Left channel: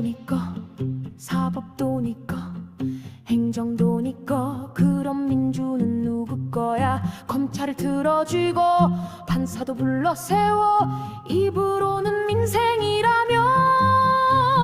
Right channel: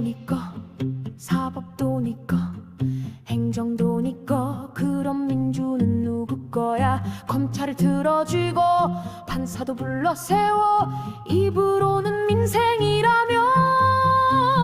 정치도 니꺼 사법도 니꺼 행정도 니꺼 그럼 민주는 누구 거야? 검찰을 들어주고 판사도 불러 세워. 이불